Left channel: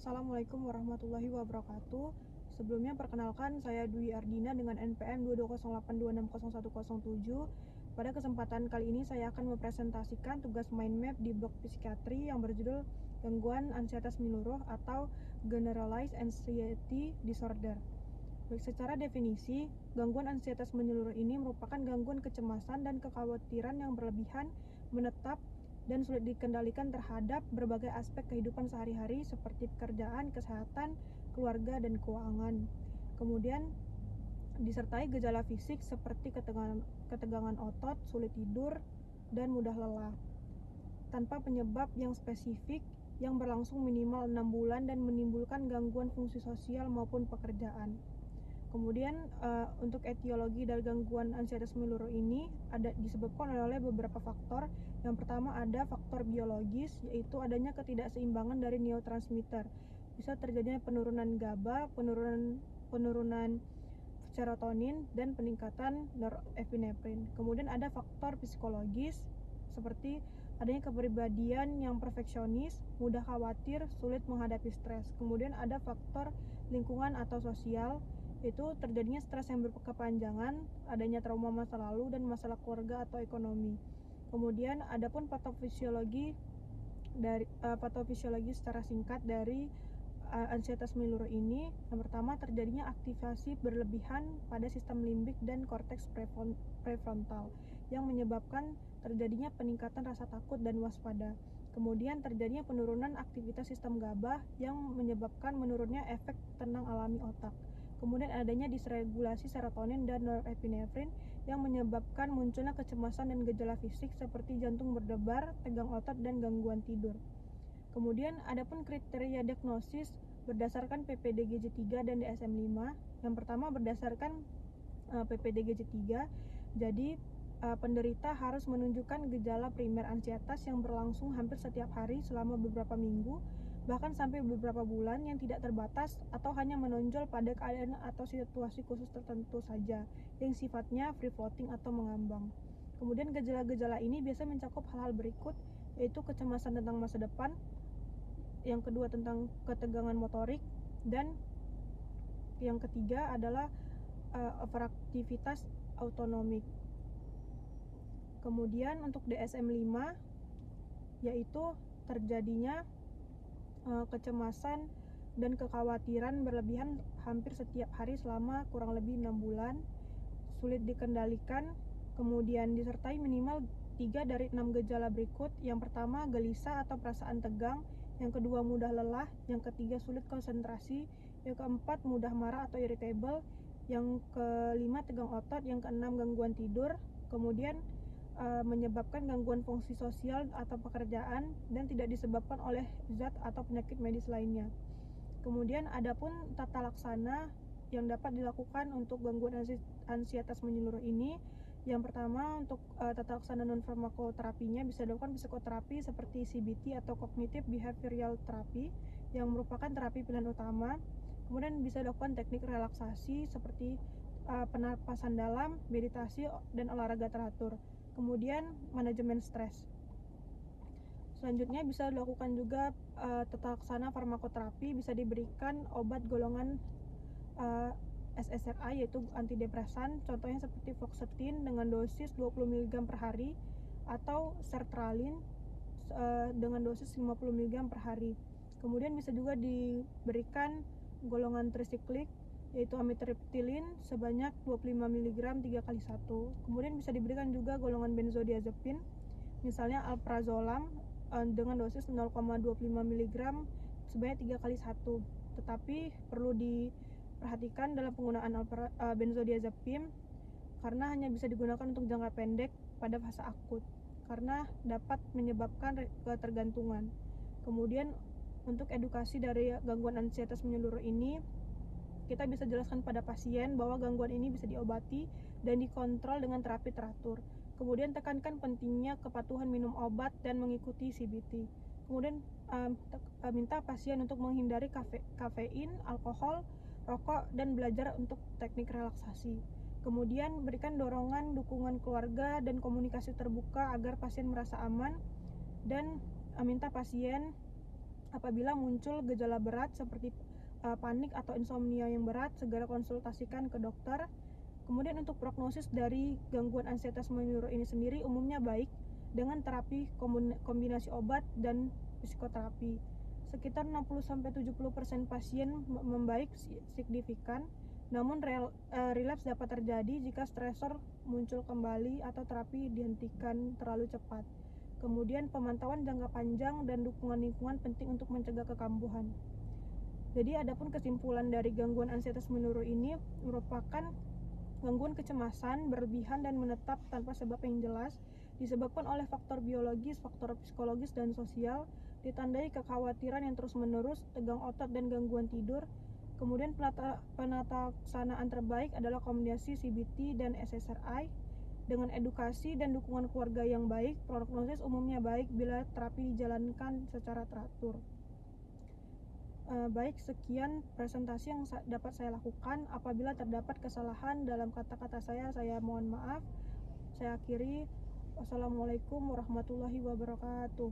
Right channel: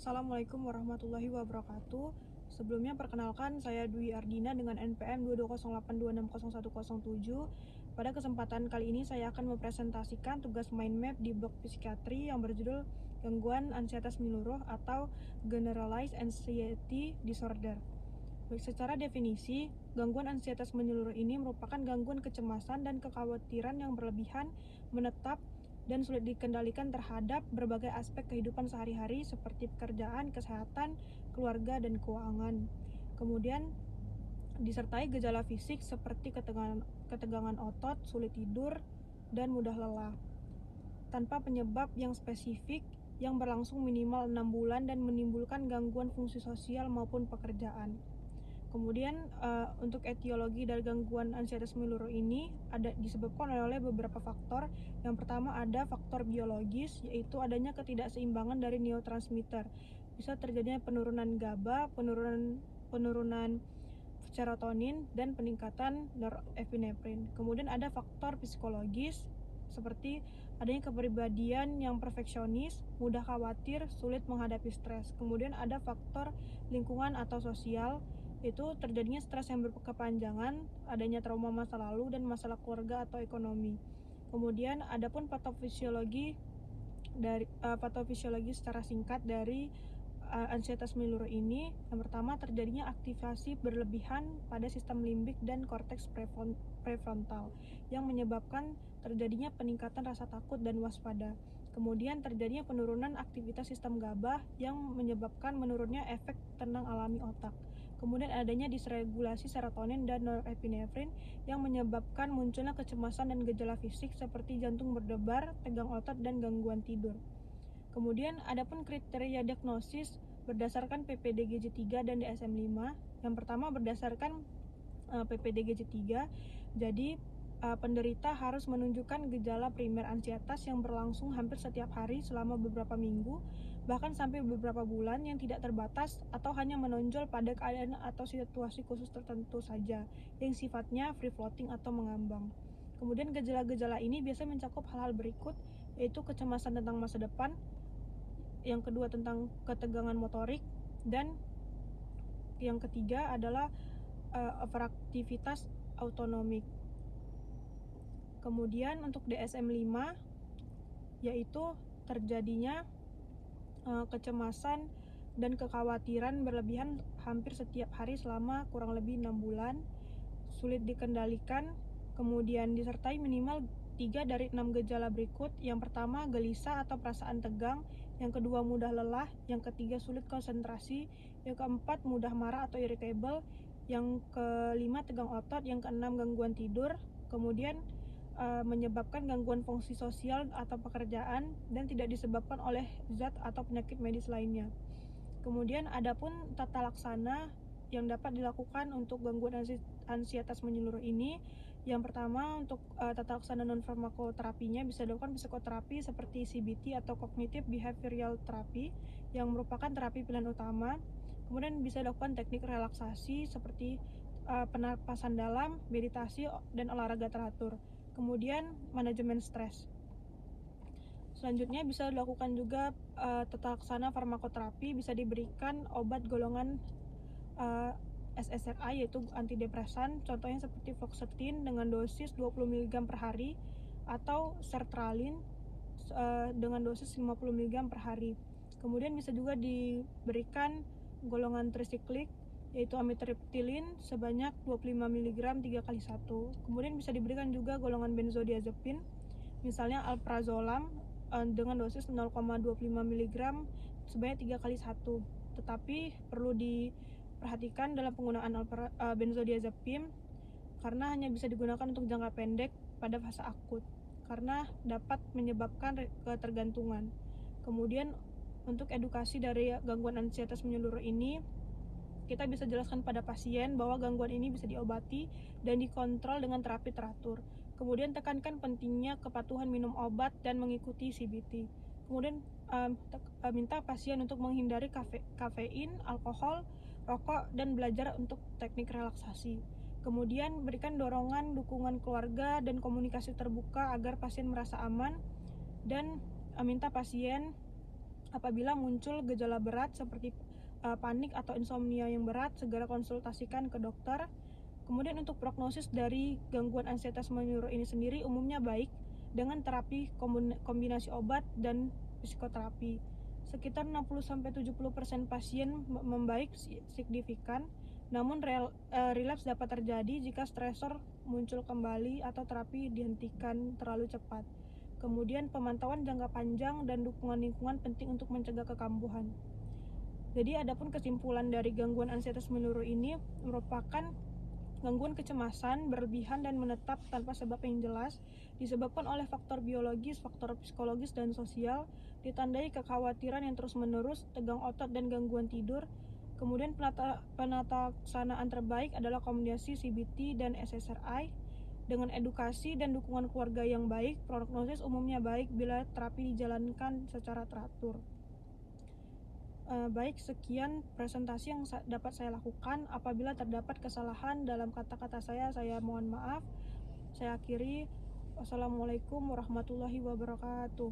Assalamualaikum warahmatullahi wabarakatuh. Sebelumnya perkenalkan, saya Dwi Ardina dengan NPM 22082600107. Pada kesempatan kali ini saya akan mempresentasikan tugas mind map di blok psikiatri yang berjudul gangguan ansietas menyeluruh atau Generalized Anxiety Disorder. Baik, secara definisi, gangguan ansietas menyeluruh ini merupakan gangguan kecemasan dan kekhawatiran yang berlebihan, menetap, dan sulit dikendalikan terhadap berbagai aspek kehidupan sehari-hari seperti pekerjaan, kesehatan, keluarga, dan keuangan. Kemudian disertai gejala fisik seperti ketegangan otot, sulit tidur, dan mudah lelah. Tanpa penyebab yang spesifik yang berlangsung minimal 6 bulan dan menimbulkan gangguan fungsi sosial maupun pekerjaan. Kemudian untuk etiologi dari gangguan ansietas menyeluruh ini disebabkan oleh beberapa faktor. Yang pertama ada faktor biologis, yaitu adanya ketidakseimbangan dari neurotransmitter. Bisa terjadinya penurunan GABA, penurunan serotonin, dan peningkatan norepinefrin. Kemudian ada faktor psikologis, seperti adanya kepribadian yang perfeksionis, mudah khawatir, sulit menghadapi stres. Kemudian ada faktor lingkungan atau sosial, yaitu terjadinya stres yang berkepanjangan, adanya trauma masa lalu, dan masalah keluarga atau ekonomi. Kemudian adapun patofisiologi secara singkat dari ansietas menyeluruh ini. Yang pertama, terjadinya aktivasi berlebihan pada sistem limbik dan korteks prefrontal yang menyebabkan terjadinya peningkatan rasa takut dan waspada. Kemudian terjadinya penurunan aktivitas sistem GABA yang menyebabkan menurunnya efek tenang alami otak. Kemudian adanya disregulasi serotonin dan norepinefrin yang menyebabkan munculnya kecemasan dan gejala fisik seperti jantung berdebar, tegang otot, dan gangguan tidur. Kemudian adapun kriteria diagnosis berdasarkan PPDGJ3 dan DSM-5. Yang pertama berdasarkan PPDGJ3. Jadi penderita harus menunjukkan gejala primer ansietas yang berlangsung hampir setiap hari selama beberapa minggu, bahkan sampai beberapa bulan, yang tidak terbatas atau hanya menonjol pada keadaan atau situasi khusus tertentu saja, yang sifatnya free floating atau mengambang. Kemudian gejala-gejala ini biasanya mencakup hal-hal berikut, yaitu kecemasan tentang masa depan, yang kedua tentang ketegangan motorik, dan yang ketiga adalah overaktivitas autonomik. Kemudian untuk DSM-5 yaitu terjadinya kecemasan dan kekhawatiran berlebihan hampir setiap hari selama kurang lebih 6 bulan, sulit dikendalikan, kemudian disertai minimal 3 dari 6 gejala berikut. Yang pertama, gelisah atau perasaan tegang. Yang kedua, mudah lelah. Yang ketiga, sulit konsentrasi. Yang keempat, mudah marah atau irritable. Yang kelima, tegang otot. Yang keenam, gangguan tidur. Kemudian menyebabkan gangguan fungsi sosial atau pekerjaan dan tidak disebabkan oleh zat atau penyakit medis lainnya. Kemudian adapun tata laksana yang dapat dilakukan untuk gangguan ansietas menyeluruh ini. Yang pertama, untuk tata laksana non farmakoterapinya bisa dilakukan psikoterapi seperti CBT atau cognitive behavioral therapy yang merupakan terapi pilihan utama. Kemudian bisa dilakukan teknik relaksasi seperti penapasan dalam, meditasi, dan olahraga teratur. Kemudian manajemen stres. Selanjutnya bisa dilakukan juga tata laksana farmakoterapi, bisa diberikan obat golongan SSRI yaitu antidepresan, contohnya seperti fluoxetine dengan dosis 20 mg per hari atau sertralin dengan dosis 50 mg per hari. Kemudian bisa juga diberikan golongan trisiklik yaitu amitriptilin sebanyak 25 mg 3 kali 1. Kemudian bisa diberikan juga golongan benzodiazepin, misalnya alprazolam dengan dosis 0,25 mg sebanyak 3 kali 1. Tetapi perlu diperhatikan dalam penggunaan benzodiazepin karena hanya bisa digunakan untuk jangka pendek pada fase akut karena dapat menyebabkan ketergantungan. Kemudian untuk edukasi dari gangguan ansietas menyeluruh ini, kita bisa jelaskan pada pasien bahwa gangguan ini bisa diobati dan dikontrol dengan terapi teratur. Kemudian tekankan pentingnya kepatuhan minum obat dan mengikuti CBT. Kemudian minta pasien untuk menghindari kafein, alkohol, rokok, dan belajar untuk teknik relaksasi. Kemudian berikan dorongan, dukungan keluarga, dan komunikasi terbuka agar pasien merasa aman, dan minta pasien Apabila muncul gejala berat seperti panik atau insomnia yang berat, segera konsultasikan ke dokter. Kemudian untuk prognosis dari gangguan ansietas menyeluruh ini sendiri umumnya baik dengan terapi kombinasi obat dan psikoterapi. Sekitar 60-70% pasien membaik signifikan, namun relapse dapat terjadi jika stresor muncul kembali atau terapi dihentikan terlalu cepat. Kemudian pemantauan jangka panjang dan dukungan lingkungan penting untuk mencegah kekambuhan. Jadi adapun kesimpulan dari gangguan ansietas menyeluruh ini merupakan gangguan kecemasan berlebihan dan menetap tanpa sebab yang jelas, disebabkan oleh faktor biologis, faktor psikologis, dan sosial, ditandai kekhawatiran yang terus-menerus, tegang otot, dan gangguan tidur. Kemudian penataksanaan terbaik adalah kombinasi CBT dan SSRI. Dengan edukasi dan dukungan keluarga yang baik, prognosis umumnya baik bila terapi dijalankan secara teratur. Baik, sekian presentasi yang dapat saya lakukan. Apabila terdapat kesalahan dalam kata-kata saya mohon maaf. Saya akhiri. Wassalamualaikum warahmatullahi wabarakatuh.